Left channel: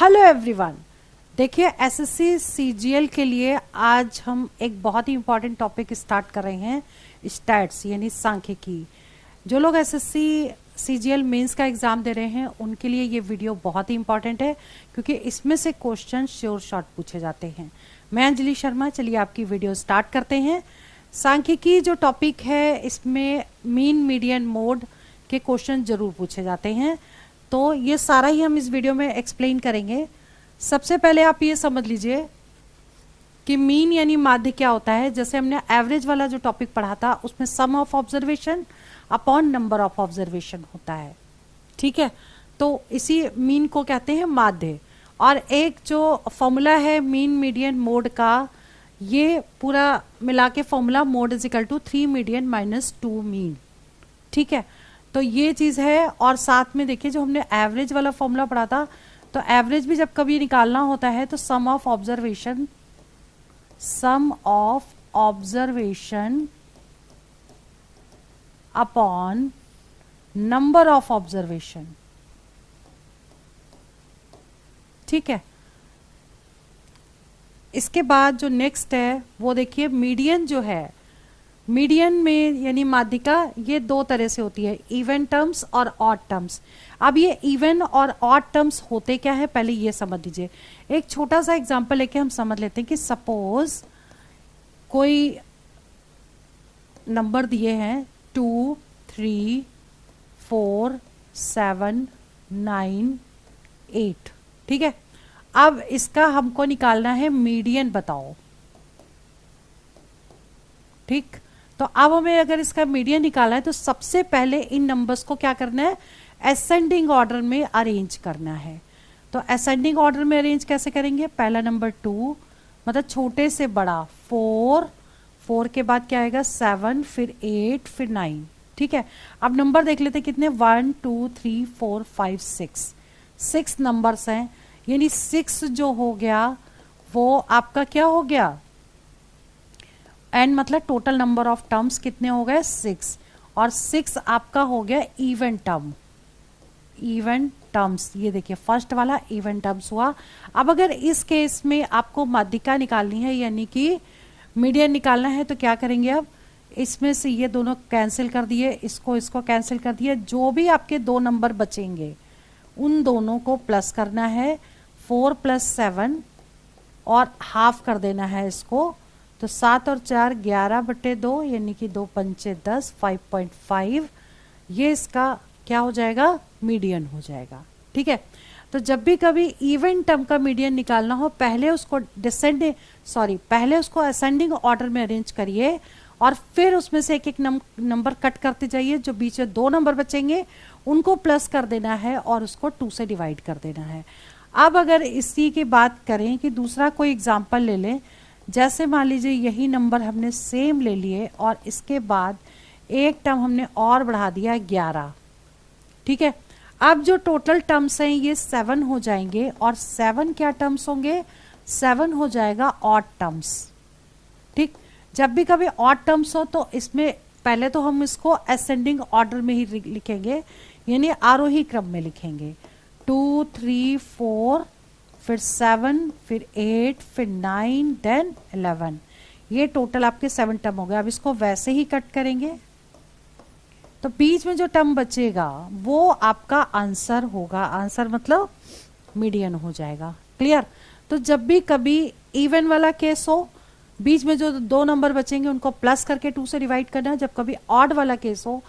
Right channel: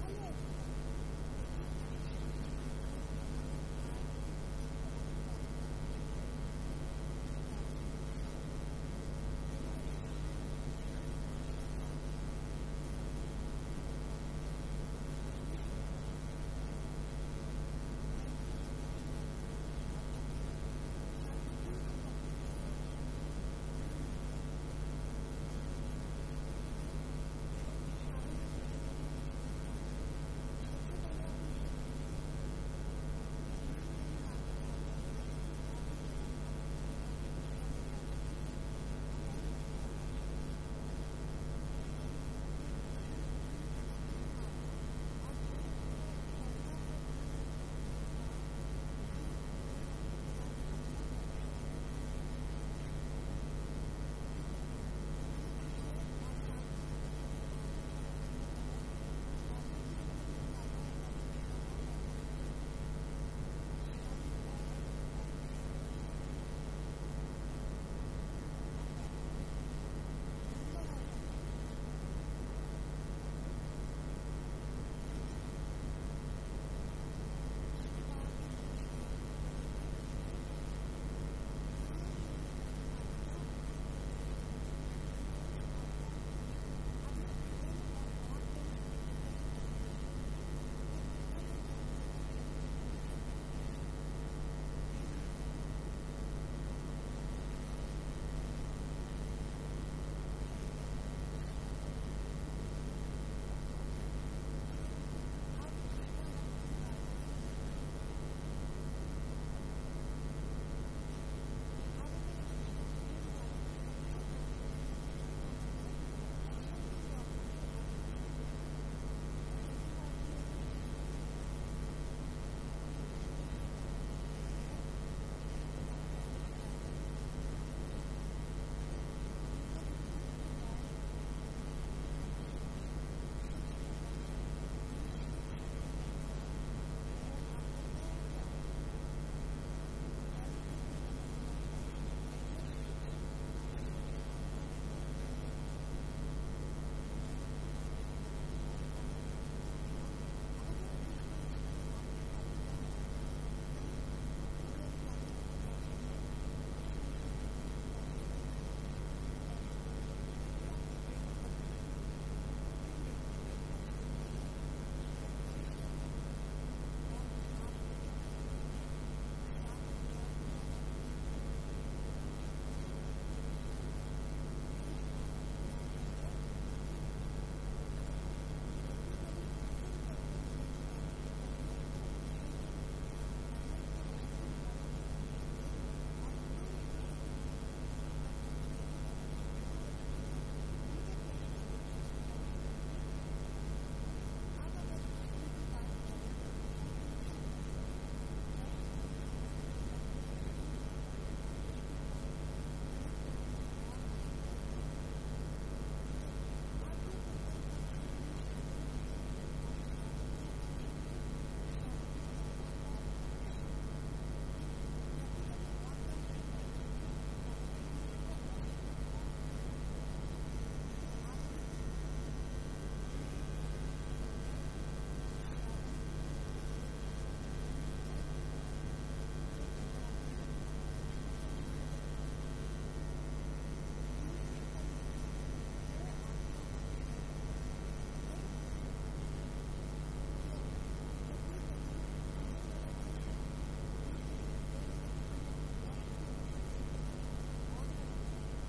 Hello everyone. देखिए SSC CGL के लिए आज हम एक बहुत ही इम्पॉर्टेंट टॉपिक स्टार्ट कर रहे हैं, स्टैट्स यानी सांख्यिकी। जो लोग एसएससी सीजीएल मेंस का एग्ज़ाम दे रहे हैं उनके लिए ये वीडियो बहुत ही इम्पॉर्टेंट है, क्योंकि इसमें से क्वेश्चन श्योर शॉर्ट पूछे जाते हैं। मैं अंजलि शर्मा, चलिए आपकी वीडियो स्टार्ट करते हैं। सांख्यिकी जो टॉपिक है इसमें मीन मीडियन मोड के क्वेश्चन ज़रूर पूछे जाते हैं, तो ये सारा ही हम इस वीडियो में एक्सप्लेन करेंगे। सबसे पहले आप ये समझ लीजिए कि मीन यानी माध्य क्या होता है। जैसे हमने एवरेज वाला जो टॉपिक पढ़ा था उसमें sum of observation upon number of observation होता है, ठीक है। तो इसी मीन को कहते हैं माध्य। और एक जो फॉर्मूला है मीन मीडियन मोड का, ये पूरा मिला के formula mode is equal to 3 median minus 2 mean, ठीक है। तो ये चीज़ है। और साथ में देखिए जो हमने एवरेज वाला फॉर्मूला पढ़ा था, तो एवरेज भी जब कभी निकालना होता है तो sum of observation upon number of observation, ठीक है। इसके बाद जो नेक्स्ट है वो देखिए मीडियन जो है, मीडियन में यानी माध्यिका ये दो तरह से होती है, इवन टर्म्स और ऑड टर्म्स। अब ये इवन और ऑड टर्म्स होते क्या है पहले ये समझ लीजिए। एक छोटा सा एग्जांपल लेके हम समझ लेते हैं कि सपोज कोई नंबर दिए हैं 2, 3, 4, 7, 9, 8, ठीक है। अब इसका हमको निकालना है मीडियन, बताओ, ठीक। तो अब हमें अगर इसका मीडियन निकालना है तो सबसे पहले इन नंबर्स को क्या करना है, असेंडिंग ऑर्डर में अरेंज करना है। तो असेंडिंग ऑर्डर में अरेंज कैसे करेंगे, पहला नंबर 2 मतलब छोटे से बड़ा, 4 के बाद क्या आएगा 7, फिर 8, फिर 9, ठीक है। अब नंबर देख लेते कितने, 1, 2, 3, 4, 5, 6 नंबर्स हैं। यानी 6 जो हो गया वो आपका क्या हो गया, एंड मतलब टोटल नंबर ऑफ टर्म्स कितने हो गए 6, और 6 आपका हो गया इवन टर्म्स। ये देखिए फर्स्ट वाला इवन टर्म्स हुआ। अब अगर इस केस में आपको माध्यिका निकालनी है यानी कि मीडियन निकालना है तो क्या करेंगे, अब इसमें से ये दोनों कैंसिल कर दिए, इसको कैंसिल कर दिए, जो भी आपके दो नंबर बचेंगे उन दोनों को प्लस करना है, 4 + 7 और हाफ कर देना है इसको। तो 7 और 4 11/2 यानी कि 2 पंचे 10, 5.5 ये इसका क्या हो जाएगा, मीडियन हो जाएगा, ठीक है। तो जब भी कभी इवन टर्म का मीडियन निकालना हो पहले उसको असेंडिंग ऑर्डर में अरेंज करिए और फिर उसमें से एक एक नंबर कट करते जाइए। जो बीच में दो नंबर बचेंगे उनको प्लस कर देना है और उसको 2 से डिवाइड कर देना है। अब अगर इसी की बात करें कि दूसरा कोई एग्जाम्पल ले लें, जैसे मान लीजिए यही नंबर हमने सेम ले लिए और इसके बाद एक टर्म हमने और बढ़ा दिया 11, ठीक है। अब जो टोटल टर्म्स हैं ये 7 हो जाएंगे, और 7 क्या टर्म्स होंगे, 7 हो जाएगा ऑड टर्म्स, ठीक। जब भी कभी ऑड टर्म्स हो तो इसमें पहले तो हम इसको असेंडिंग ऑर्डर में ही लिखेंगे, यानी आरोही क्रम में लिखेंगे। 2, 3, 4, फिर 7, फिर 8, फिर 9, देन 11। ये टोटल आपके 7 टर्म हो गए। अब इसको वैसे ही कट करेंगे तो बीच में जो टर्म बचेगा वो आपका आंसर होगा, आंसर मतलब मीडियन हो जाएगा, क्लियर। तो जब भी कभी इवन वाला केस हो, बीच में जो दो नंबर बचेंगे उनको प्लस करके 2 से डिवाइड करना है। जब कभी ऑड वाला केस हो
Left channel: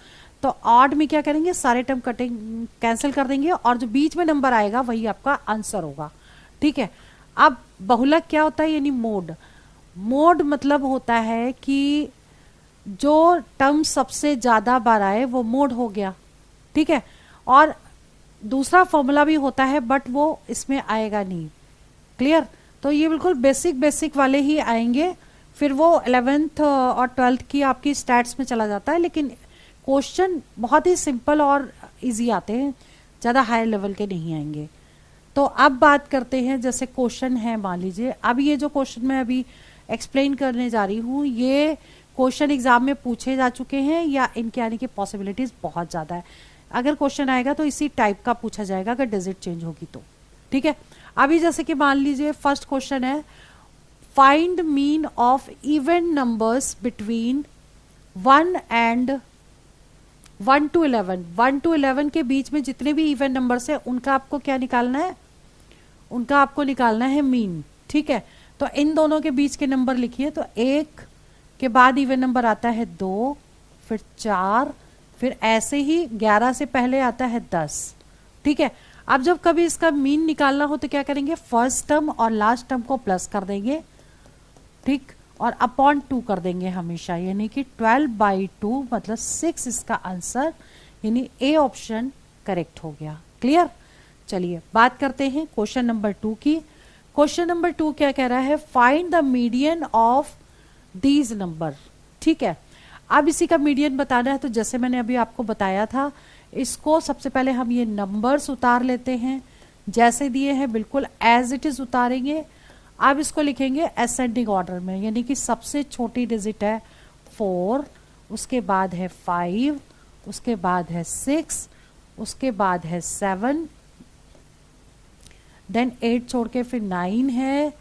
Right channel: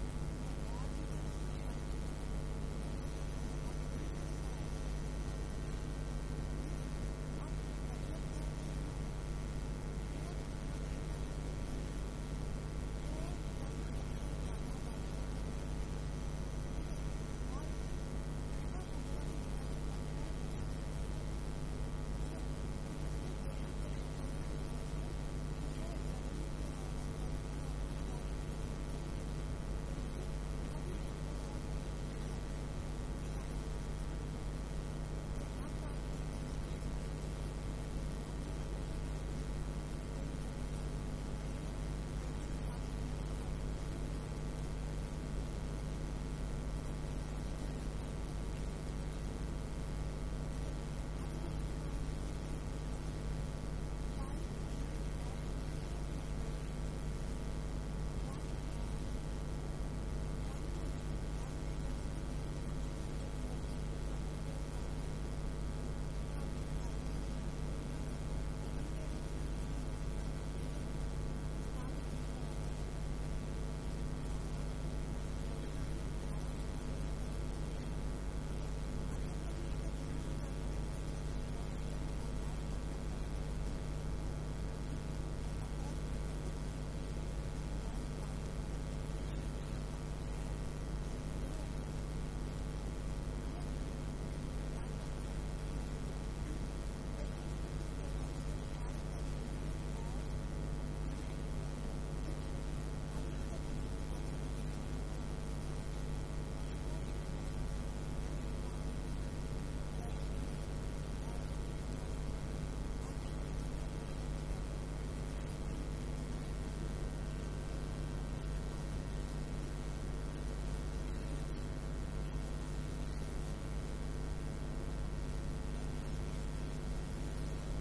तो ऑड में क्या करेंगे, सारे टर्म कैंसिल कर देंगे और जो बीच में नंबर आएगा वही आपका आंसर होगा, ठीक है। अब बहुलक क्या होता है, यानी मोड मतलब होता है कि जो टर्म सबसे ज़्यादा बार आए वो मोड हो गया, ठीक है। और दूसरा फॉर्मूला भी होता है बट वो इसमें आएगा नहीं, क्लियर। तो ये बिल्कुल बेसिक वाले ही आएंगे, फिर वो 11th और 12th की आपकी स्टैट्स में चला जाता है। लेकिन क्वेश्चन बहुत ही सिंपल और इजी आते हैं, ज़्यादा हाई लेवल के नहीं आएंगे। तो अब बात करते हैं, जैसे क्वेश्चन है मान लीजिए, अब ये जो क्वेश्चन मैं अभी एक्सप्लेन करने जा रही हूँ ये क्वेश्चन एग्जाम में पूछे जा चुके हैं या इनके आने की पॉसिबिलिटीज़ बहुत ज़्यादा है। अगर क्वेश्चन आएगा तो इसी टाइप का पूछा जाएगा अगर डिजिट चेंज होगी तो, ठीक है। अभी जैसे कि मान लीजिए फर्स्ट क्वेश्चन है, find mean of even numbers between 1 and 1 to 11। 1 to 11 के बीच में जितने भी इवन नंबर्स हैं उनका आपको क्या निकालना है, उनका आपको निकालना है मीन। ठीक है, तो इन दोनों के बीच के नंबर लिखिए। तो 1 के बाद इवन नंबर आता है 2, फिर 4, फिर ऐसे ही 11 से पहले आता है 10। ठीक है, अब जब कभी इसका मीन निकालना हो तो क्या करेंगे, फर्स्ट टर्म और लास्ट टर्म को प्लस कर देंगे, ठीक, और अपॉन 2 कर देंगे हमेशा, यानी कि 12/2 मतलब 6 इसका आंसर, यानी ए ऑप्शन करेक्ट हो गया। क्लियर। चलिए बात करते हैं क्वेश्चन नंबर 2 की। क्वेश्चन नंबर 2 क्या कह रहा है, find the median of these number. ठीक है, अब इसी का मीडियन बताना है, तो जैसे मैंने अभी आपको बताया था, इसको सबसे पहले हम ये नंबर्स उतार लेते हैं, जैसे दिए हैं बिल्कुल एज इट इज उतारेंगे। अब इसको लिखेंगे असेंडिंग ऑर्डर में, यानी कि सबसे छोटी डिजिट है 4, उसके बाद है 5, उसके बाद है 6, उसके बाद है 7, देन 8 छोड़ के फिर 9 है,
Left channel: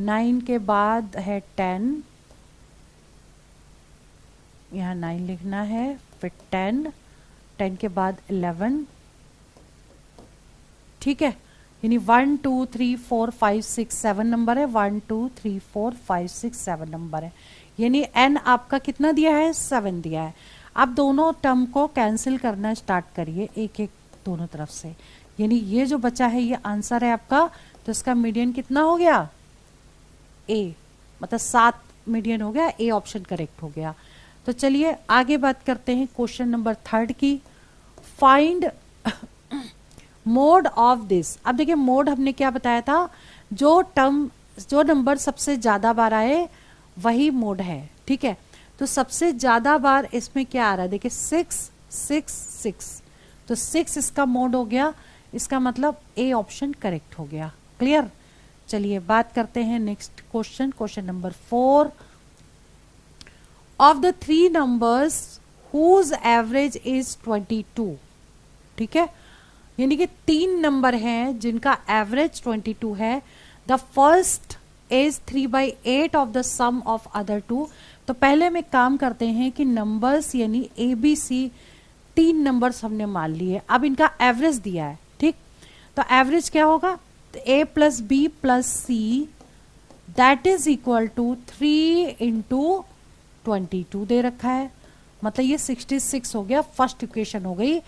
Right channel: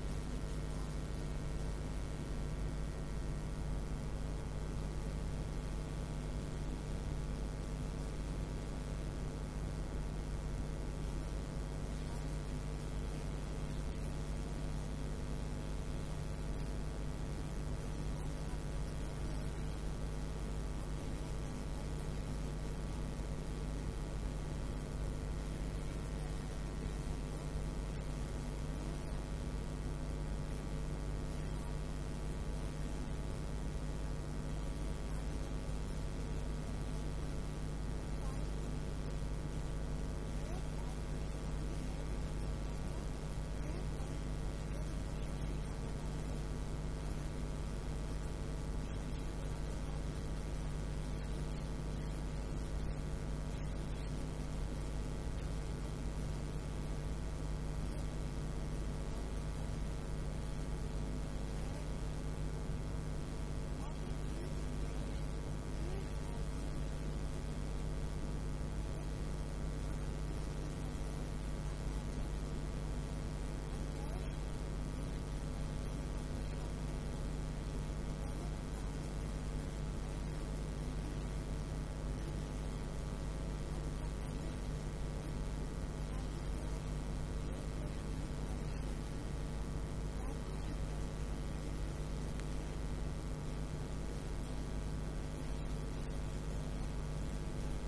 9 के बाद है 10, यहाँ 9 लिखना है, फिर 10, 10 के बाद 11। ठीक है, यानी 1 2 3 4 5 6 7 नंबर है, 1 2 3 4 5 6 7 नंबर है, यानी n आपका कितना दिया है, 7 दिया है। अब दोनों टर्म को कैंसिल करना स्टार्ट करिए एक एक दोनों तरफ से, यानी ये जो बचा है ये आंसर है आपका, तो इसका मीडियन कितना हो गया, ए, मतलब 7 मीडियन हो गया, ए ऑप्शन करेक्ट हो गया। तो चलिए आगे बात करते हैं क्वेश्चन नंबर 3 की। Find mode of this. अब देखिए मोड हमने क्या बताया था, जो नंबर सबसे ज्यादा बार आए वही मोड है। ठीक है, तो सबसे ज्यादा बार इसमें क्या आ रहा है, देखिए 6 6 6, तो 6 इसका मोड हो गया, इसका मतलब ए ऑप्शन करेक्ट हो गया। क्लियर। चलिए बात करते हैं next question, question number 4। Of the 3 numbers whose average is 22। ठीक है, यानी कि 3 नंबर हैं जिनका एवरेज 22 है। The first is 3/8 of the sum of other 2। तो पहले में काम करते हैं कि नंबर्स यानी ए बी सी 3 नंबर्स हमने मान लिए, अब इनका एवरेज दिया है। ठीक, तो एवरेज क्या होगा, A plus B plus C that is equal to 3 into 22 दे रखा है, मतलब ये 66 हो गया, फर्स्ट इक्वेशन हो गई।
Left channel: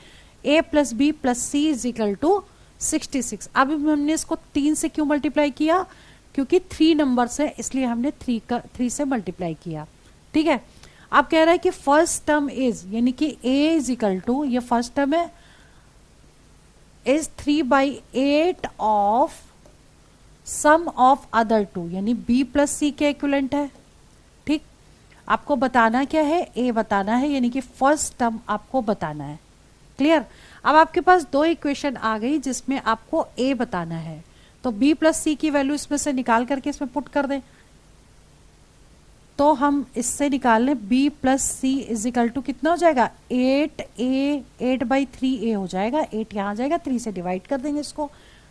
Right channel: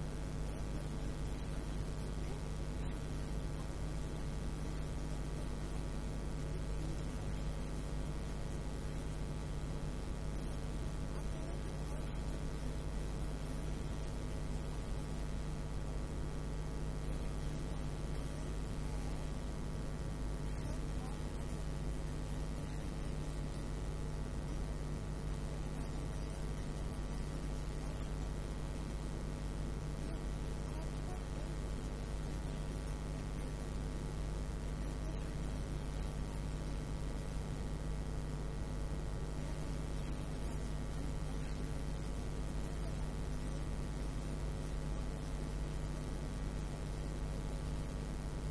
a plus B plus C is equal to 66। अब हमने इसको 3 से क्यों मल्टीप्लाई किया, क्योंकि 3 नंबर्स है इसलिए हमने 3 से मल्टीप्लाई किया। ठीक है, अब कह रहा है कि फर्स्ट टर्म इज, यानी कि a इज इक्वल टू, ये फर्स्ट टर्म है, is 3/8 of sum of other 2, यानी b प्लस सी के इक्विवेलेंट है। ठीक, आपको बताना क्या है, a बताना है, यानी कि फर्स्ट टर्म आपको बताना है। क्लियर। अब आपके पास 2 इक्वेशन आ गई जिसमें आपको a बताना है, तो b प्लस सी की वैल्यू इसमें से निकाल करके इसमें पुट कर दें, तो हम इससे निकाल लें b plus C is equal to कितना हो जाएगा, 8/3a हो जाएगा, 8 यहाँ जाएगा, 3 से डिवाइड कर देंगे इसको,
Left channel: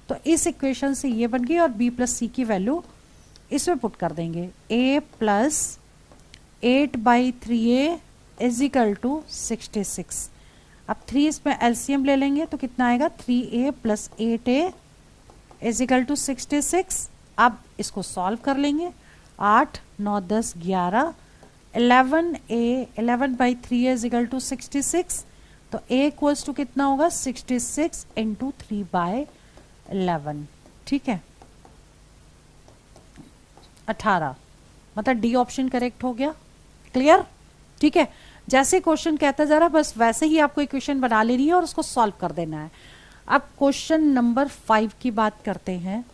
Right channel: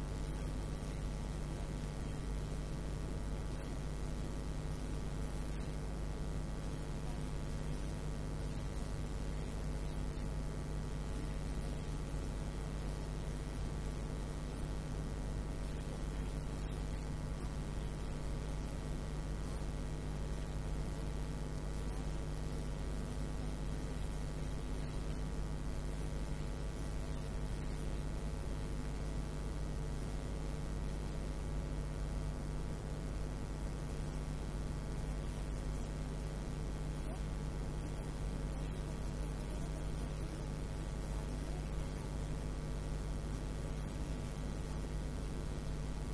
तो इस इक्वेशन से ये बन गई, और b प्लस सी की वैल्यू इसमें पुट कर देंगे, a plus 8/3a is equal to 66। अब 3 इसमें एलसीएम ले लेंगे तो कितना आएगा, 3a plus 8a is equal to 66। अब इसको सॉल्व कर लेंगे, 8 9 10 11, 11/3 इज इक्वल टू 66, तो a इक्वल्स टू कितना होगा, 66 इंटू 3/11। ठीक है, 18, मतलब डी ऑप्शन करेक्ट हो गया। क्लियर। ठीक है, जैसे क्वेश्चन कहता जा रहा है बस वैसे ही आपको इक्वेशन बना लेनी है और उसको सॉल्व कर देना है। अब क्वेश्चन नंबर 5 की बात करते हैं।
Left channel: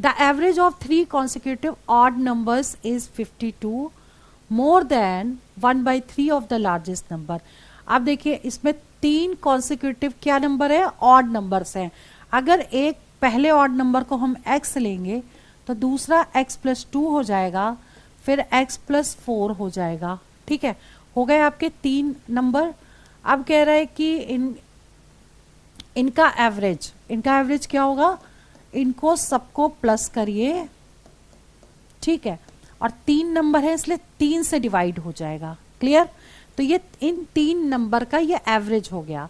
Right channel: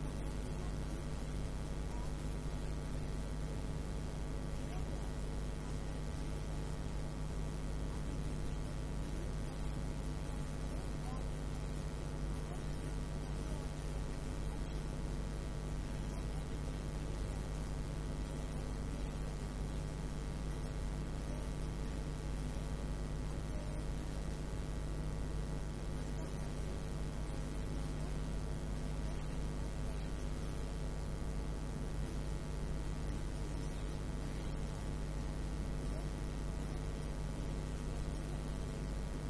The average of 3 consecutive odd numbers is 52, more than 1/3 of the largest number. अब देखिए इसमें 3 consecutive क्या नंबर है, ऑड नंबर्स हैं। अगर एक पहले ऑड नंबर को हम x लेंगे तो दूसरा x प्लस 2 हो जाएगा, फिर x प्लस 4 हो जाएगा। ठीक है, हो गए आपके 3 नंबर। अब कह रहा है कि इनका एवरेज क्या होगा, इनको सबको प्लस करिए, ठीक है, और 3 नंबर है इसलिए 3 से डिवाइड हो जाएगा। क्लियर? तो ये इन 3 नंबर का ये एवरेज हो गया।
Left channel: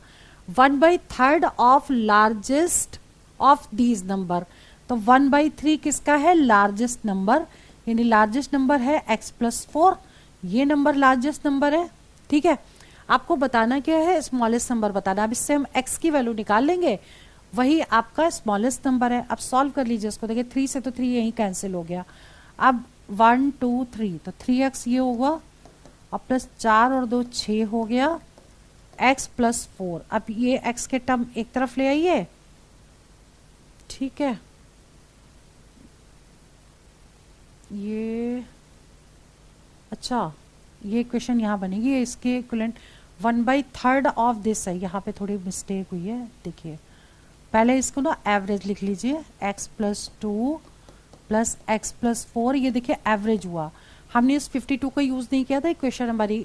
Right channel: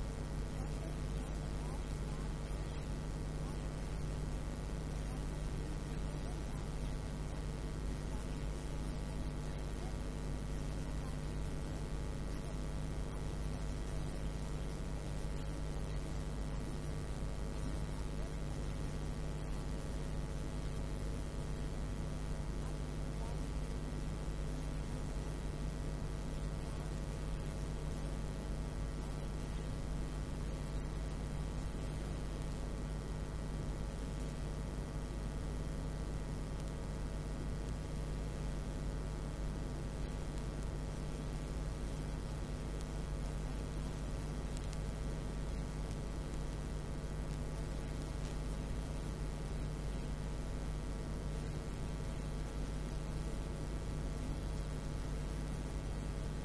1/3 of largest of these number, तो 1/3 किसका है? लार्जेस्ट नंबर, यानी लार्जेस्ट नंबर है x+4, ये नंबर लार्जेस्ट नंबर है। ठीक है, आपको बताना क्या है? स्मॉलेस्ट नंबर बताना। अब इससे हम x की वैल्यू निकाल लेंगे, वही आपका स्मॉलेस्ट नंबर है। अब सॉल्व कर लीजिए इसको, देखिए 3 से तो 3 यहीं कैंसिल हो गया। अब 1 2 3 तो 3x ये होगा, और प्लस 4 और 2 6 हो गया, x+4। अब ये x के टर्म एक तरफ ले आइए, ठीक है, ये अच्छा ये इक्वेशन यहाँ बनेगी, ये इसके इक्विवेलेंट 1/3 ऑफ दिस है। यहाँ पे थोड़ी मिस्टेक हुई है, देखिए पहले इसको ना एवरेज लिख लीजिए, x+2 प्लस x+4, ये देखिए एवरेज हुआ। हमने इस 52 का यूज़ नहीं किया था, इक्वेशन हमारी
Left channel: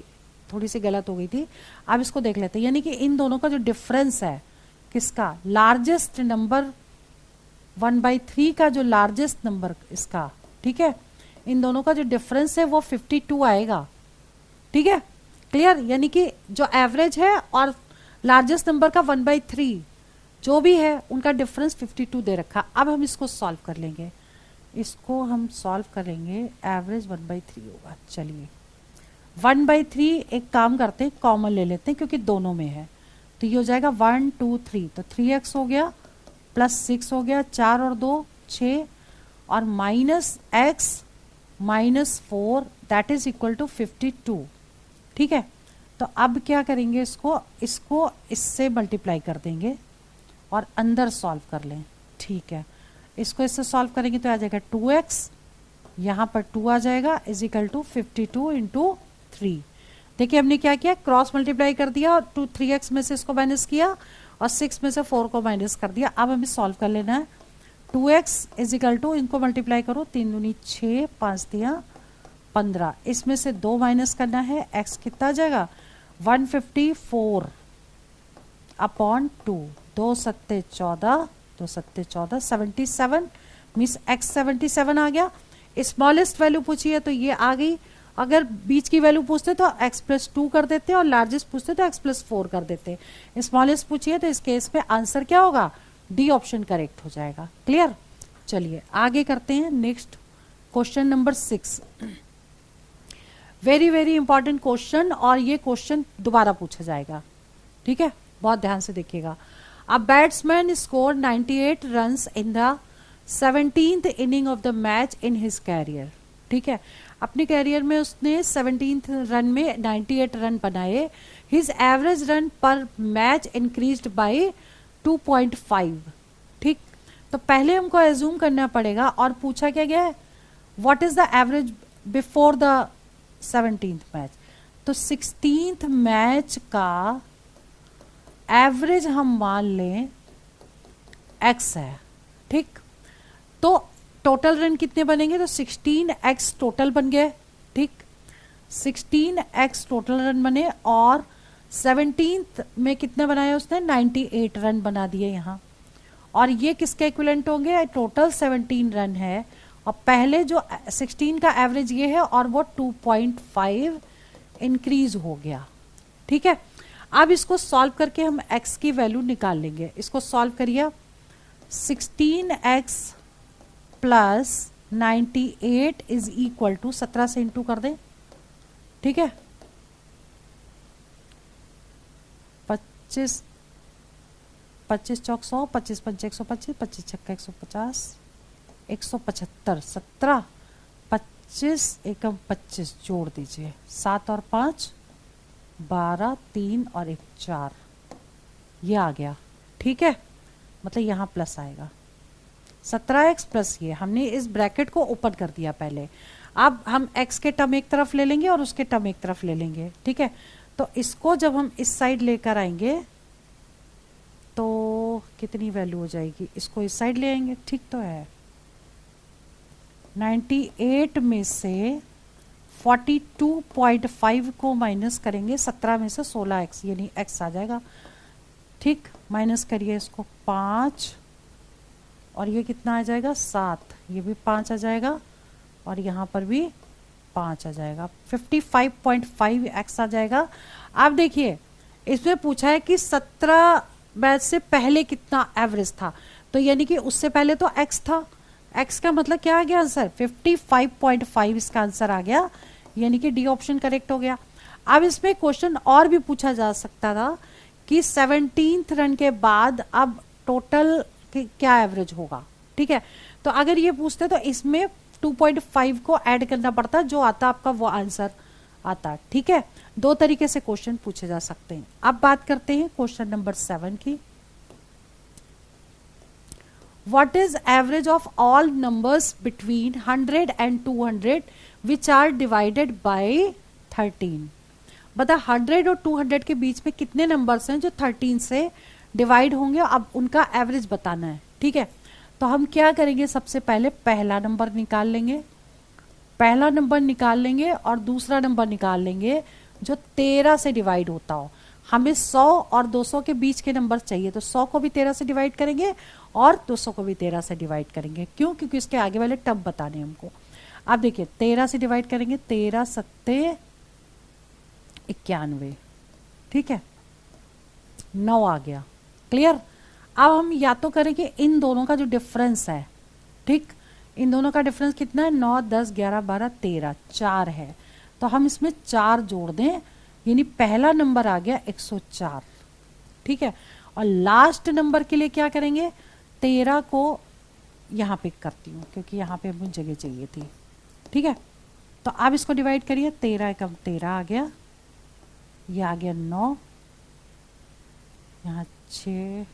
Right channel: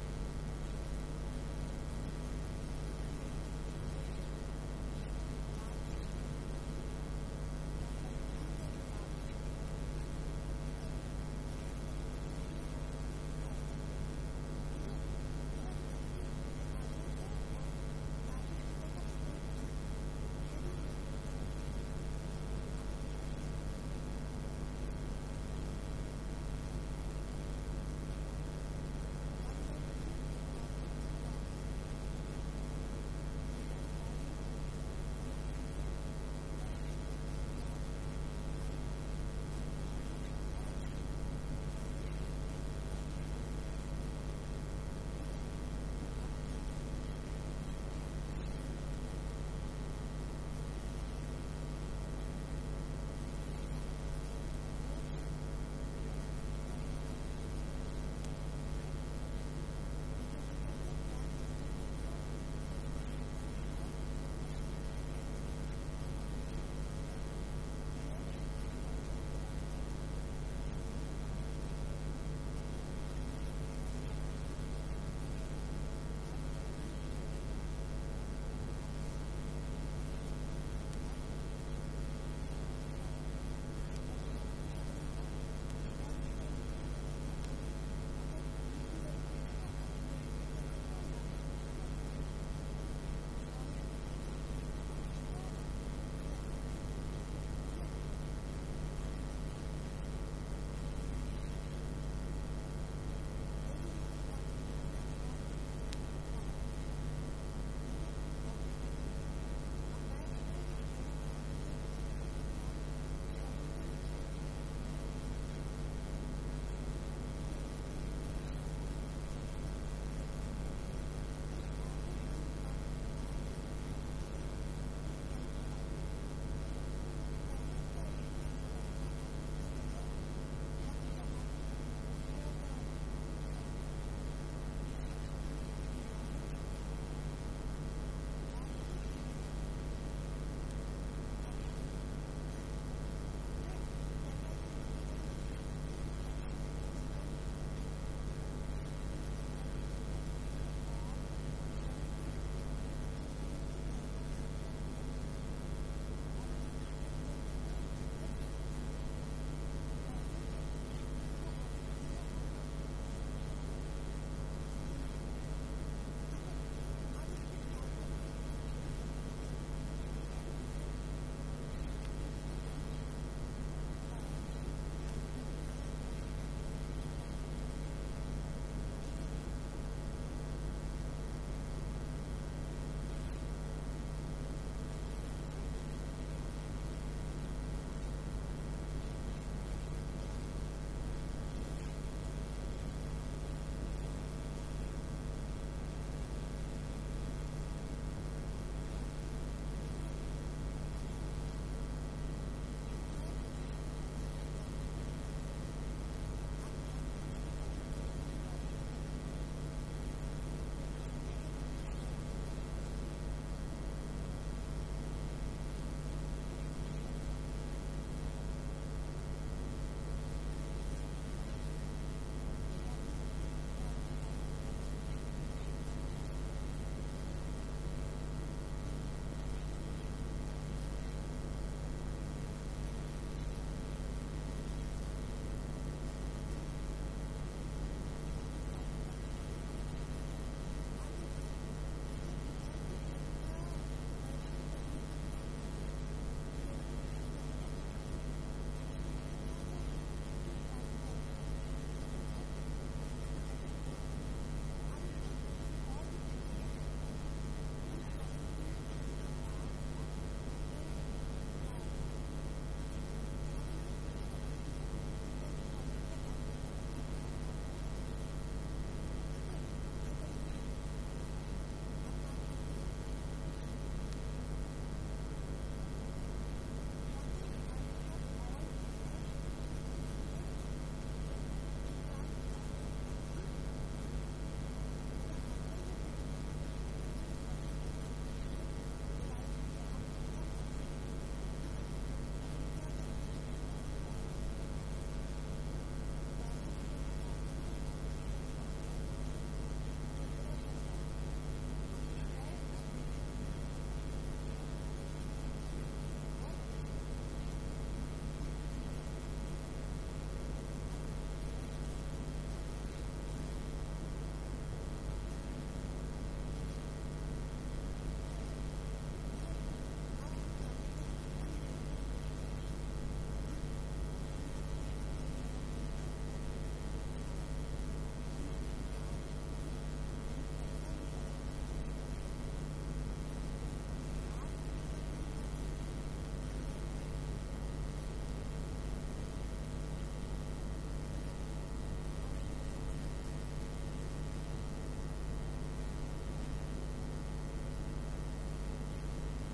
थोड़ी सी गलत हो गई थी। अब इसको देख लेते हैं, यानी कि इन दोनों का जो डिफरेंस है, किसका? लार्जेस्ट नंबर 1/3 का जो लार्जेस्ट नंबर इसका, ठीक है, इन दोनों का जो डिफरेंस है वो 52 आएगा। ठीक है, क्लियर? यानी कि जो एवरेज है और लार्जेस्ट नंबर का 1/3 जो भी है उनका डिफरेंस 52 दे रखा। अब हम इसको सॉल्व कर लेंगे, इसको हम सॉल्व करेंगे, एवरेज 1/3 होगा। चलिए 1/3 एक काम करते हैं, कॉमन ले लेते हैं क्योंकि दोनों में है, तो ये हो जाएगा 1 2 3, तो 3x हो गया, प्लस 6 हो गया, 4 और 2 6, और minus x -4 that is equal to 52। ठीक है, तो अब क्या करेंगे, इसको इससे मल्टीप्लाई कर देंगे और अंदर सॉल्व कर लें। ठीक है, इसको इससे सॉल्व करेंगे तो आ जाएगा 2x, यहाँ पर 2 आ जाएगा, इज इक्वल टू 52 इंटू 3। देखिए हमने क्या किया, क्रॉस मल्टीप्लाई कर दिया और 3x में से इसको माइनस किया और 6 में से 4 को माइनस कर दिया। अब हमें सॉल्व कर लेना है। 2x इज इक्वल टू, इनको मल्टीप्लाई करो, 3 दूनी 6, 5 दिया 15, इसमें से 2 माइनस करना है, x कितना आ जाएगा 154 अपॉन 2, 2 सत्ते 14, 2 सत्ते 14, 77 मीन्स x 77 आ गया। स्मॉलेस्ट वैल्यू पूछी है तो ये आ गई। अगर बीच की वैल्यू पूछते तो x+2 कर देते और लार्जेस्ट पूछते तो x+4 कर देते। स्मॉलेस्ट पूछिए तो इस केस पे आंसर क्या होगा, डी ऑप्शन करेक्ट हो जाएगा। क्लियर? चलिए आगे करते हैं, next question number 6। Very very important question, और ये क्वेश्चन दोबारा पूछा जाएगा। ठीक है, बहुत ध्यान से देखिएगा। A batsman score 98 runs in the 17th inning of the match in his career. ठीक है, अपने कैरियर में उसने 17th रन में 98 रन बनाए। हिज एवरेज रन पर मैच इंक्रीज्ड बाय 2.5। ठीक, तो पहले हमको एज्यूम करना पड़ेगा, और पूछा क्या गया है, what is the average before the 17th match. तो 16th मैच का एवरेज हम मान लें x है। ठीक, तो टोटल रन कितने बनेंगे, तो 16x टोटल बन गए। ठीक, 16x टोटल रन बने, और 17th में कितने बनाए उसने, 98 रन बना दिए यहाँ। और ये किसके इक्विवेलेंट होंगे, टोटल 17 रन है, और पहले जो 16 का एवरेज ये है, और वो 2.5 इंक्रीज हो गया। ठीक है, अब इसको सॉल्व करके हम x की वैल्यू निकाल लेंगे। इसको सॉल्व करिए, 16x plus 98 is equal to 17 से इंटू कर दें। ठीक है, 25 25 चौक 100, 25 पंच 125, 25 छक्का 150, 175, 17 25 एकम 25 जोड़ दीजिए, 7 और 5 12, 3 और 1 4, ये आ गया। ठीक है, मतलब यहाँ प्लस आएगा 17x प्लस ये, हमने इस ब्रैकेट को ओपन कर दिया पहले। अब हम x के टर्म एक तरफ ले लेंगे और उसके टर्म एक तरफ ले लेंगे। ठीक है, तो इसको जब हम इस साइड लेकर आएंगे तो कितनी वैल्यू हो जाएगी, इसको इस साइड ले आएंगे। ठीक तो है, 98 में से 42.5 को माइनस करेंगे 17 में से 16x, यानी x आ जाएगा। ठीक, माइनस करिए इसको, 5 और ये कितना आ जाएगा 7, ये भी 5 आ जाएगा और यहाँ पर भी 5 आ जाएगा, 55.5x आ जाएगा। आप देखिए इसमें पूछा है कि 17 बैच से पहले कितना एवरेज था, तो यानी कि उससे पहले तो x था, x का मतलब क्या आ गया आंसर 55.5 इसका आंसर आ गया, यानी कि डी ऑप्शन करेक्ट हो गया। अब इसमें क्वेश्चन और भी पूछा जा सकता था कि 17th रन के बाद अब टोटल क्या एवरेज होगा, ठीक है। तो अगर ये पूछते तो इसमें 2.5 को ऐड करना पड़ता, जो आता आपका वो आंसर आता, ठीक है। दो तरीके से क्वेश्चन पूछे जा सकते हैं। अब बात करते हैं क्वेश्चन नंबर 7 की। What is average of all numbers between 100 and 200 which are divided by 13? बता 100 और 200 के बीच में कितने नंबर्स हैं जो 13 से डिवाइड होंगे, अब उनका एवरेज बताना है, ठीक है। तो हम क्या करेंगे, सबसे पहले पहला नंबर निकाल लेंगे, पहला नंबर निकाल लेंगे और दूसरा नंबर निकाल लेंगे जो 13 से डिवाइड होता हो। हमें 100 और 200 के बीच के नंबर चाहिए, तो 100 को भी 13 से डिवाइड करेंगे और 200 को भी 13 से डिवाइड करेंगे। क्यों? क्योंकि इसके आगे वाले टर्म बताने हमको। अब देखिए 13 से डिवाइड करेंगे, 13 सत्ते 91, ठीक है, 9 आ गया, क्लियर। अब हम या तो करेंगे इन दोनों का जो डिफरेंस है, ठीक, इन दोनों का डिफरेंस कितना है 9 10 11 12 13, 4 है, तो हम इसमें 4 जोड़ दें, यानी पहला नंबर आ गया 104, ठीक है। और लास्ट नंबर के लिए क्या करेंगे, 13 को यहाँ पिक करती हूँ क्योंकि यहाँ पे हमें जगह चाहिए थी, ठीक है। तो अब इसको डिवाइड करिए, 13 कम 13 आ गया, ये आ गया 9, यहाँ 6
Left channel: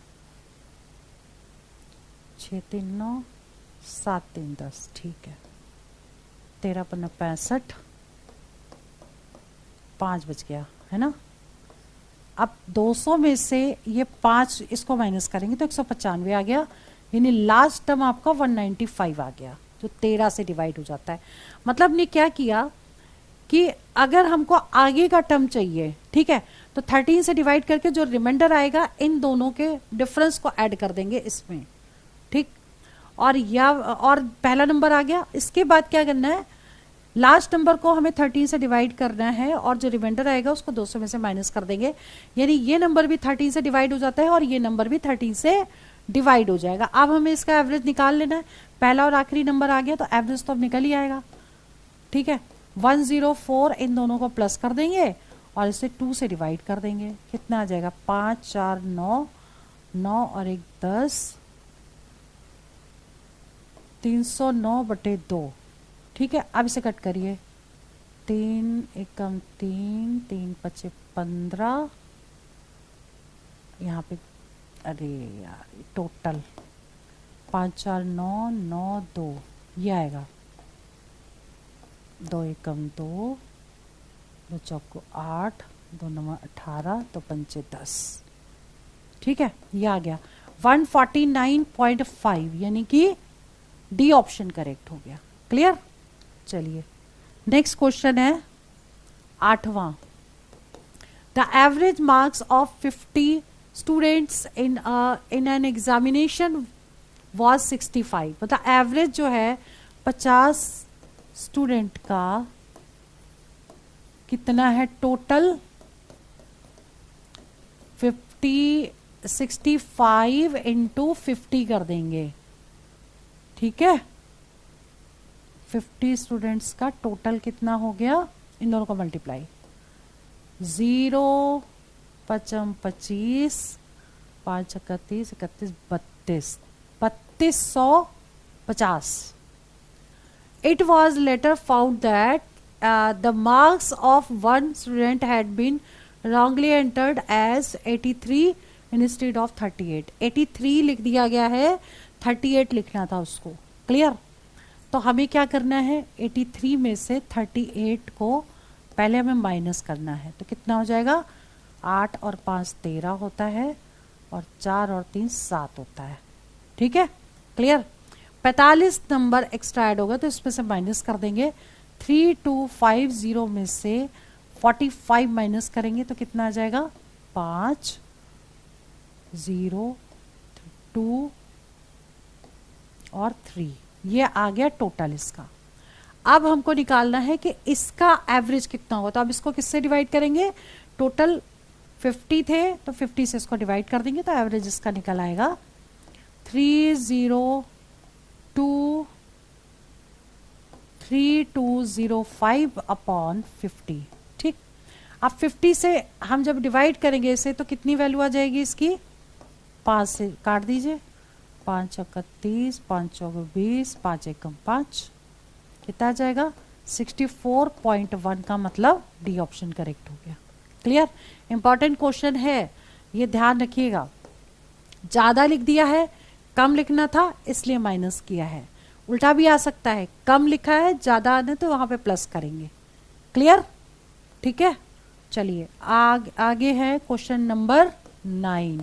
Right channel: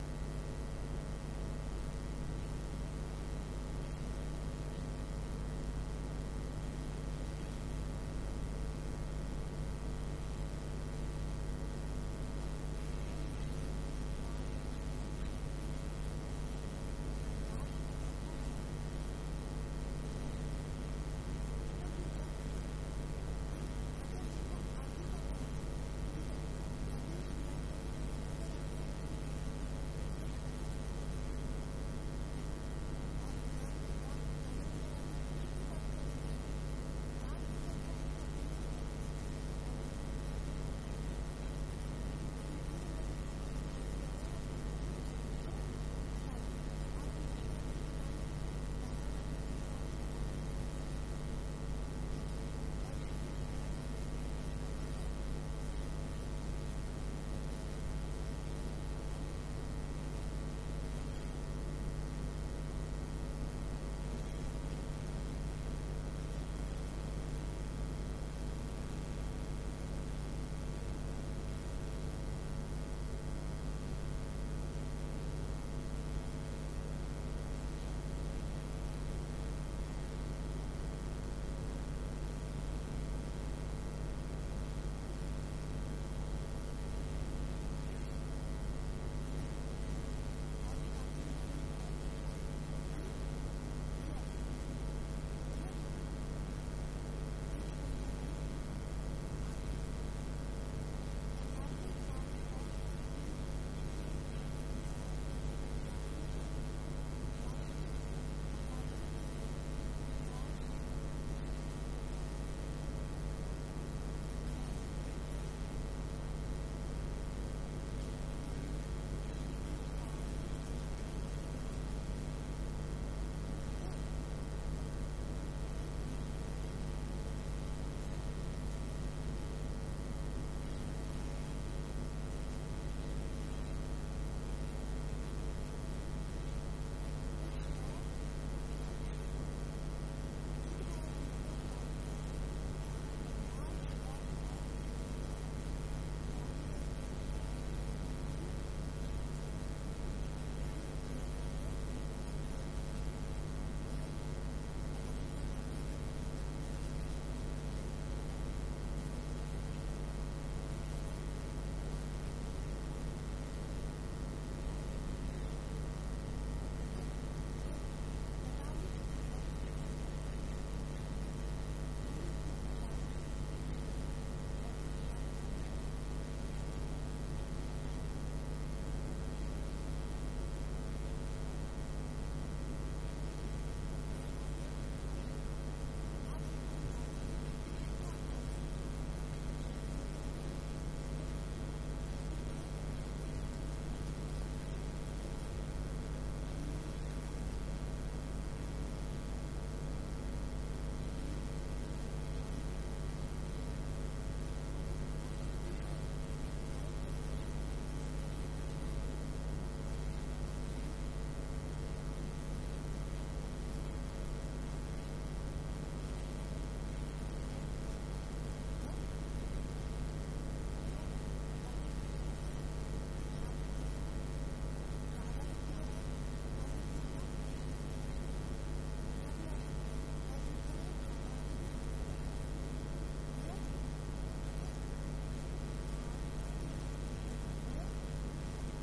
6 3 9 7 3 10, ठीक है, 13 पन्ना 65, 5 बच गया, है ना। अब 200 में से ये 5 इसको माइनस करेंगे तो 195 आ गया, यानी लास्ट टर्म आपका 195 आ गया, जो 13 से डिवाइड हो जाता है। मतलब ने क्या किया कि अगर हमको आगे का टर्म चाहिए, ठीक है, तो 13 से डिवाइड करके जो रिमाइंडर आएगा इन दोनों के डिफरेंस को ऐड कर देंगे इसमें, ठीक। और पहला नंबर आ गया, इसके बाद क्या करना है, लास्ट नंबर को हमें 13 से डिवाइड करना है और जो रिमाइंडर आएगा उसको 200 में से माइनस कर देंगे, यानी ये नंबर भी 13 से डिवाइड हो जाता है और ये नंबर भी 13 से डिवाइड हो जाएगा। अब हमें इसका एवरेज निकाल लेना है, पहला और आखिरी नंबर आ गया तो एवरेज तो अब निकल ही आएगा, ठीक है। 104 इन दोनों को प्लस कर देंगे और इसे 2 से डिवाइड कर देंगे, कितना आ जाएगा 5 4 9 9 और 1 10, 309/2, ठीक है। अब इसे कट करिए, 3 एकम 3 3 5 15, यहाँ पे अरे यार टोटल 5 4 9 9 2, ये आएगा 2 एकम 2 2 चौको 8 2 9 18 तो 5 10, ठीक है, ये आ गया 149.5, यानी कि डी ऑप्शन करेक्ट हो गया, क्लियर। चलिए नेक्स्ट क्वेश्चन है 8वां। The average marks of 50 students in an examination was 65, मतलब एवरेज जो है 50 स्टूडेंट का कितना है टोटल, 65 इंटू 50 कर देंगे, ठीक है। 50 स्टूडेंट्स का टोटल कितना हो गया, इन दोनों का multiply, 0 5 25 5 31 31 32 3250। It was later found that the marks of one student had been wrongly entered as 83 instead of 38. 83 लिख दिया गया है, 38 लिखना था उसको, क्लियर। तो हमें क्या करना है, 83 में से 38 को पहले हमें माइनस करना है, तो कितना हो जाएगा 8 और 5 13 होता है और 4 और 3 7 होता है, ठीक है, क्लियर। 45 नंबर एक्स्ट्रा ऐड होगा तो इसमें से माइनस कर देंगे, 3250 में से 45 माइनस करेंगे तो कितना आ जाएगा 5 0 2 और 3, ये आ गया टोटल इसका। अब हमको निकालना है कि इसका एवरेज कितना होगा, तो अब इसको किससे डिवाइड करेंगे, टोटल 50 थे तो 50 से इसको डिवाइड कर देंगे तो एवरेज इसका निकल आएगा 3205 अपॉन 50। ठीक, अब 50 से हम जब डिवाइड करेंगे इसे तो कितनी वैल्यू आ जाएगी इसकी, 5 से काट दीजिए, 5 चौका 30, 5 चौका 20, 5 एकम 5, कितना आ जाएगा 64.1 का मतलब डी ऑप्शन करेक्ट हो गया। क्लियर, इंपॉर्टेंट क्वेश्चन है, ये ध्यान रखिएगा। ज़्यादा लिख दिया है, कम लिखना था इसलिए माइनस किया है, उल्टा भी आ सकता है, कम लिखा है ज़्यादा आने तो वहाँ पे प्लस करेंगे। क्लियर, ठीक है। चलिए आगे है question number 9।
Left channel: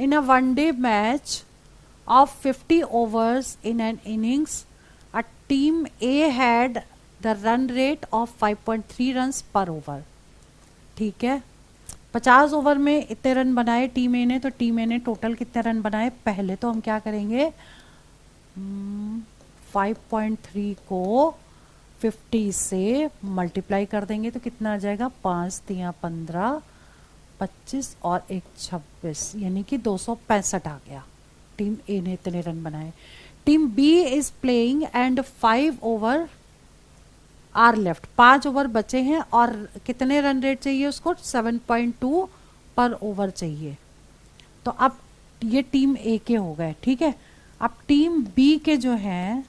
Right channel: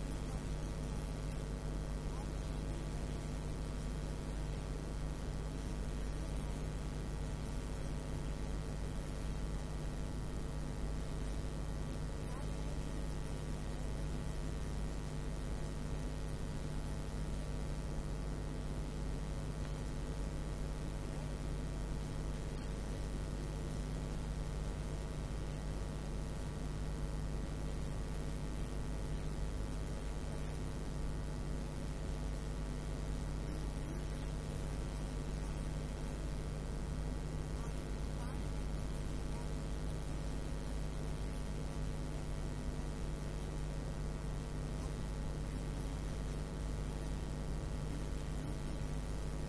In a one-day match of 50 overs in an innings, a team A had the run rate of 5.3 runs per over। ठीक है, 50 ओवर में इतने रन बनाए टीम ए ने, तो टीम ए ने टोटल कितने रन बनाए, पहले तो हम क्या करेंगे 5.3 को 50 से मल्टीप्लाई कर देंगे तो कितना आ जाएगा, 5 3 15, 25 और 1 26, यानी कि 265 आ गया। टीम ए ने इतने रन बनाए। Team B is playing and 5 over are left, 5 over बचे हैं और कितने रन रेट चाहिए उसको, 7.2 पर ओवर चाहिए। तो अब ये टीम ए के हो गए। ठीक है, अब टीम बी के जो हैं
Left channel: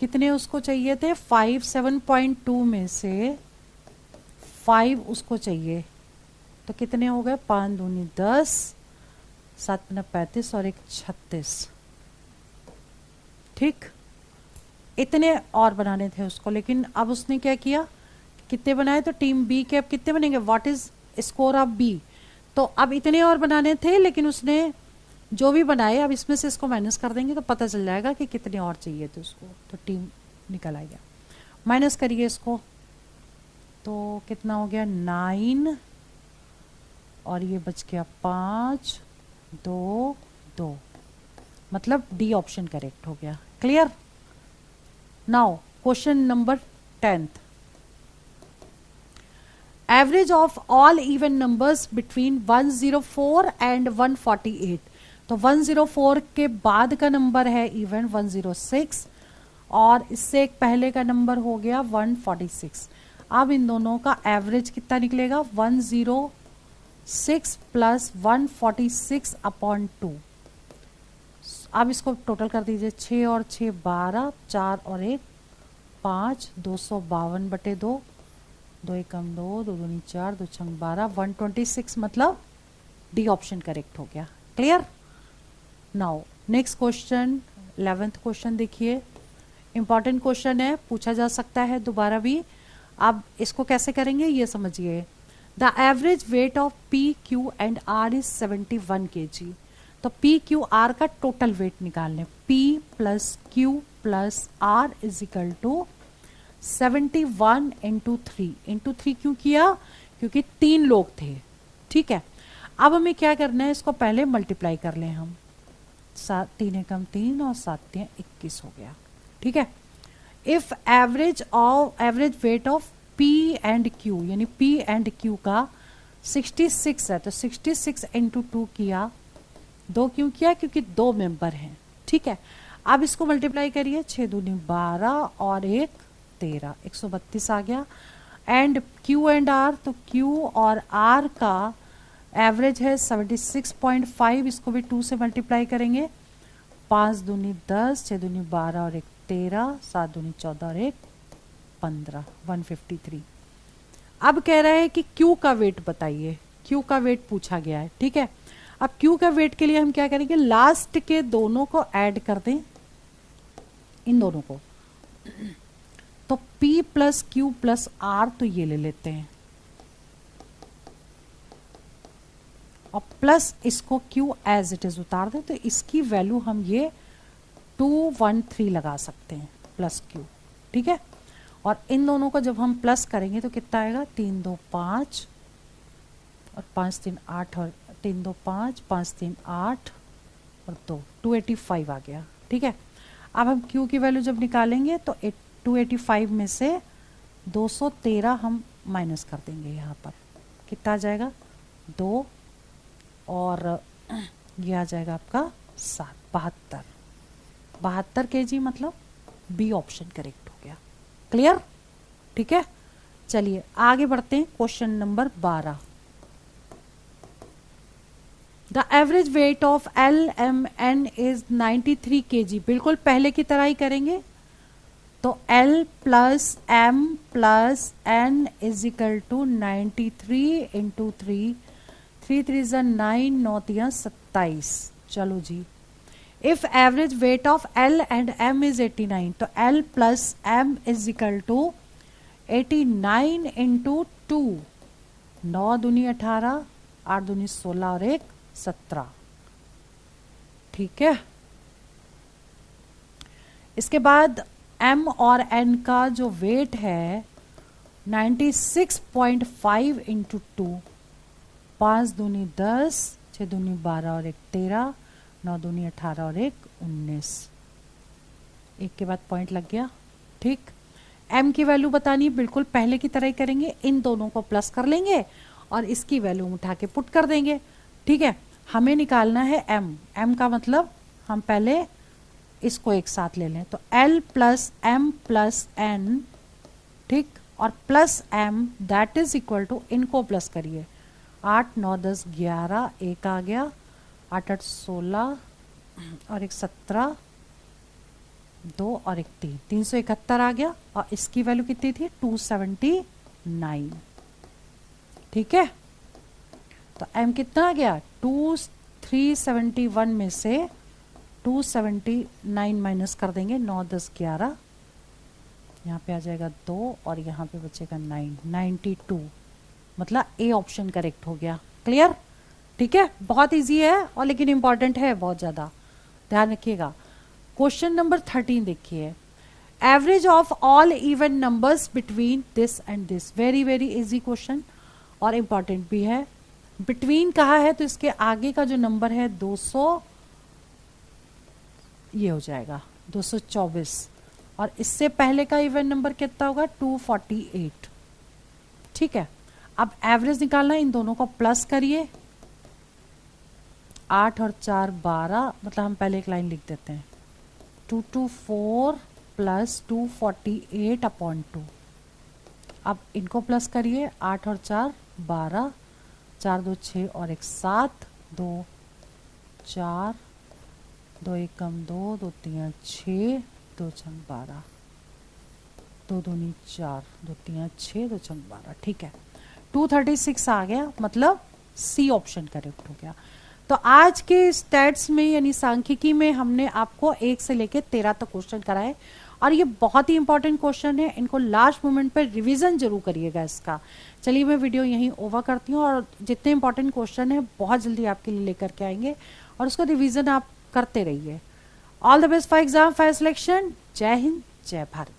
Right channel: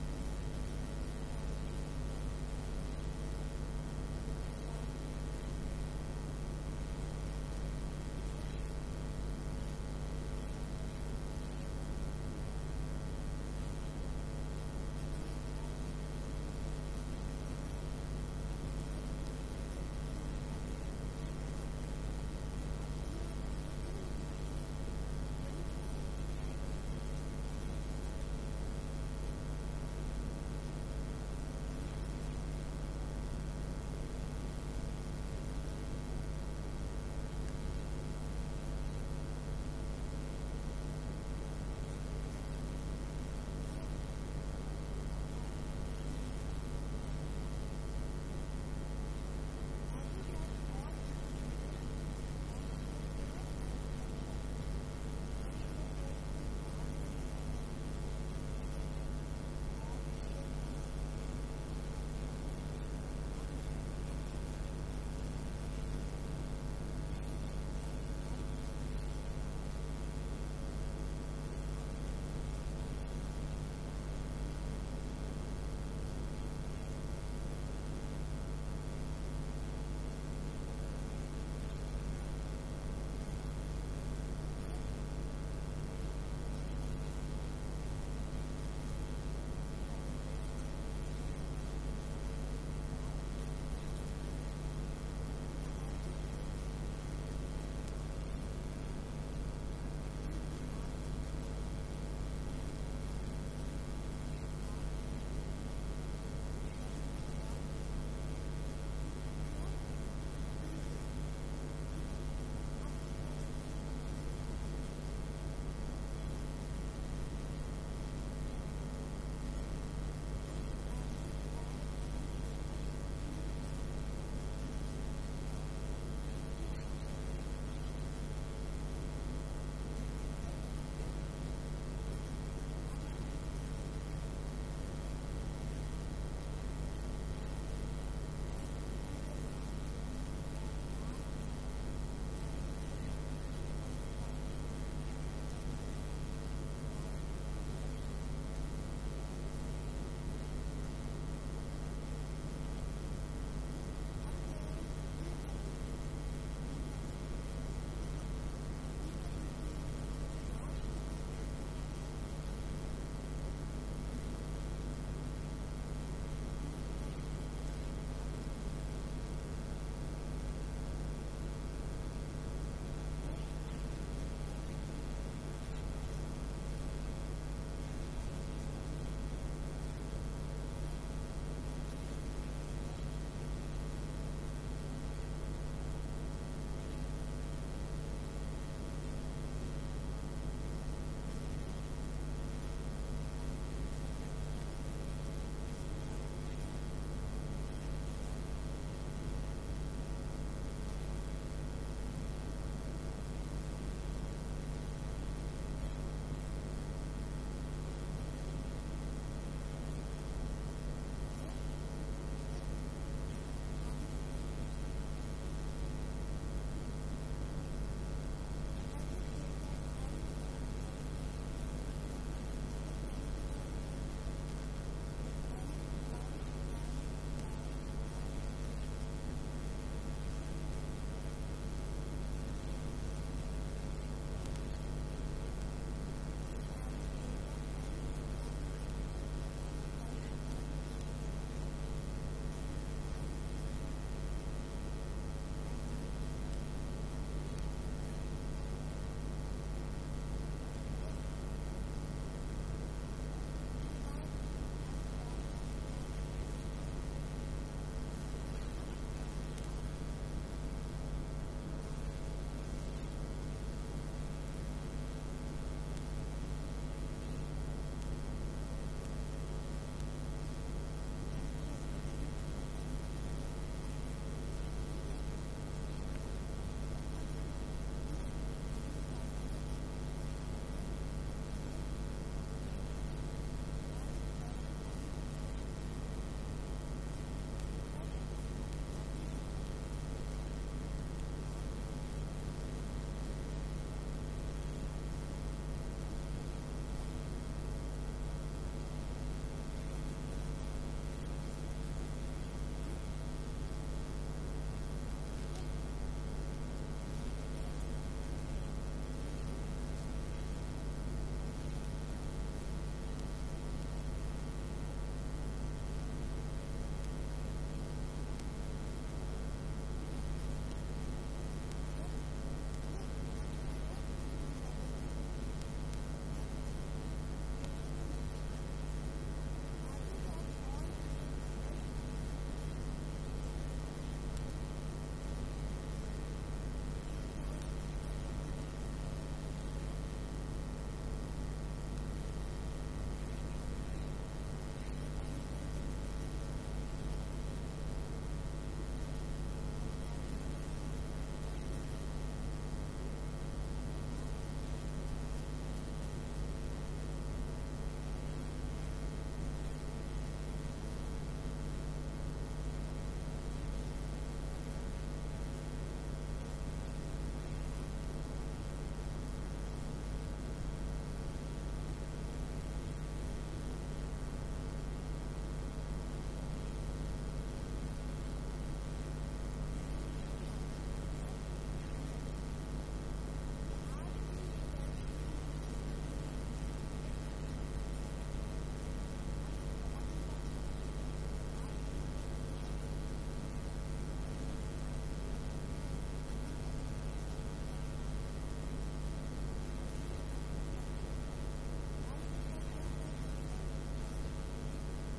कितने उसको चाहिए थे, 5, 7.2 में से 5 उसको चाहिए, तो कितने हो गए, 5 दूनी 10, 7 न 35 और 1 36। ठीक, इतने और बनाने थे उसको, लेकिन अब उसने क्या किया, कितने बनाए, तो टीम बी के अब कितने बनेंगे, what is score of B, तो अब इतने और बनाने थे, लेकिन उसने जो भी बनाए अब इसमें से इसको माइनस कर देंगे तो पता चल जाएगा कि कितने और चाहिए थे उसको, तो टीम निकल आएगा। माइनस करिए इसको, तो कितना हो गया 9 और ये बच गया 5 2 2, मतलब डी ऑप्शन करेक्ट हो गया। Clear. Now question number 10। Average of all even numbers between 104 and 148, तो 104 के बाद का नंबर है इवन 106 और इससे एक पहले का नंबर हो गया 146। अब इन दोनों का एवरेज कितना निकलेगा, 106 प्लस 146 अपॉन 2। अब इसको टोटल कर दीजिए, 6 और 6 12, 4 और 1 5, 252 बटे 2, 2 एकम 2, 2 दूनी 4, 2 छंग 12, 126, मतलब डी ऑप्शन करेक्ट हो गया। Clear. Now next question 11th question देखिए, इंपॉर्टेंट क्वेश्चन है, पूछा जा सकता है दोबारा भी। अब इसको कैसे करेंगे ये समझिए। The average weight of P Q and R is 71 kg। तो पी क्यू आर का टोटल वेट निकालने, P plus Q plus R is equal to 71 into 3 क्यों किया, क्योंकि 3 लोग थे। ठीक है, अब हमें क्या करना है, इसको पहले मल्टीप्लाई कर लें हम, 7 3 एकम 3 और 7 3 21 हो गया। ठीक है, if average weight of P and Q, यानी पी एंड क्यू का 66 है, तो 66 इंटू 2 किया, 2 क्यों किया, क्योंकि 2 मेंबर हैं। ठीक है, अब इसको मल्टीप्लाई करिए, 6 दूनी 12 और 1 13, 132 आ गया। एंड क्यू एंड आर, तो क्यू और आर का एवरेज है 76.5, इसको भी 2 से मल्टीप्लाई करेंगे, 5 दूनी 10, 6 दूनी 12 और 1 13, 7 दूनी 14 और 1 15, 153। अब कह रहा है कि क्यू का वेट बताइए, क्यू का वेट पूछा गया है। ठीक है, अब क्यू का वेट के लिए हम क्या करेंगे, लास्ट के दोनों को ऐड कर दें, इन दोनों को, तो P plus Q plus R, तो ये ले लेते हैं, और प्लस इसको Q एज इट इज उतार दें, तो इसकी वैल्यू हम ये 213 लगा सकते हैं प्लस Q। ठीक है, और इन दोनों को जब हम प्लस करेंगे तो कितना आएगा, 3 2 5 और 5 3 8 और 3 2 5, 5 3 8 और 2, 285 आ गया। ठीक है, अब हम Q की वैल्यू जब निकालेंगे तो 285 में से 213 हम माइनस कर देंगे। यहाँ पर कितना आ जाएगा 2 और ये आ जाएगा आपका 72 kg, मतलब बी ऑप्शन करेक्ट हो गया। क्लियर? ठीक है, चलिए आगे बढ़ते हैं। Question number 12, the average weight of LMN is 93 kg। बिल्कुल पहले की तरह ही करेंगे। तो L plus M plus N is equal to 93 into 3, 3 3 ज़ा 9, 9 3 27। चलो जी, if average weight of L and M is 89, तो L plus M is equal to 89 into 2, 9 दूनी 18, 8 दूनी 16 और 1 17। ठीक है, इसके बाद M और N का जो वेट है 96.5 इंटू 2, 5 दूनी 10, 6 दूनी 12 और 1 13, 9 दूनी 18 और 1 19। एक के बाद पॉइंट लग गया। ठीक, M की वैल्यू बतानी, बिल्कुल पहले की तरह ही करेंगे। इन दोनों को प्लस कर लेंगे और इसकी वैल्यू उठा के पुट कर देंगे। ठीक है, हमें निकालना है M का मतलब हम पहले इसको एक साथ ले लें। तो L plus M plus N, ठीक, और plus M that is equal to, इनको प्लस करिए, 8 9 10 11, 1 आ गया, 8 8 16 और 1 17, 2 और 1 3, 371 आ गया। और इसकी वैल्यू कितनी थी 279। ठीक है, तो M कितना आ गया 371 में से 279 माइनस कर देंगे, 9 10 11, यहाँ पे आ जाएगा 2 और यहाँ पे बचेगा 9, 92, मतलब ए ऑप्शन करेक्ट हो गया। क्लियर? ठीक है, बहुत इजी है और लेकिन इंपॉर्टेंट है बहुत ज़्यादा, ध्यान रखिएगा। क्वेश्चन नंबर 13 देखिए, average of all even numbers between this and this. Very very easy question और इम्पॉर्टेंट भी है। बिटवीन कहा है तो इसके आगे का जो नंबर है 200, ये हो जाएगा 224, और इससे पहले का इवन नंबर कितना होगा 248। ठीक है, अब एवरेज निकालना है, इन दोनों को प्लस करिए, 8 और 4 12, मतलब हम पहले एक लाइन लिख देते हैं, 224 प्लस 248 अपॉन 2। अब इनको प्लस करिए, 8 और 4 12, 4 2 6 और 1 7, 2 4, 2 1 कम 2, 2 3 6, 2 6 12, 2 दूनी 4, 2 3 6, 2 6 12। ठीक है, 236 आ गया, मतलब सी ऑप्शन करेक्ट हो गया। तो आज के स्टैट्स में यानी सांख्यिकी में हमने आपको 1 से लेकर 13 तक क्वेश्चन कराए और ये बहुत ही इंपॉर्टेंट क्वेश्चन है, इनको लास्ट मोमेंट पर रिवीजन जरूर करिएगा इसका। चलिए मैं वीडियो यहीं ओवर करती हूँ और जितने इंपॉर्टेंट क्वेश्चन है बहुत जल्दी आपके लिए लेकर के आएंगे और उसको रिवीजन आप करते रहिए। All the best for exam, for selection. जय हिंद, जय भारत।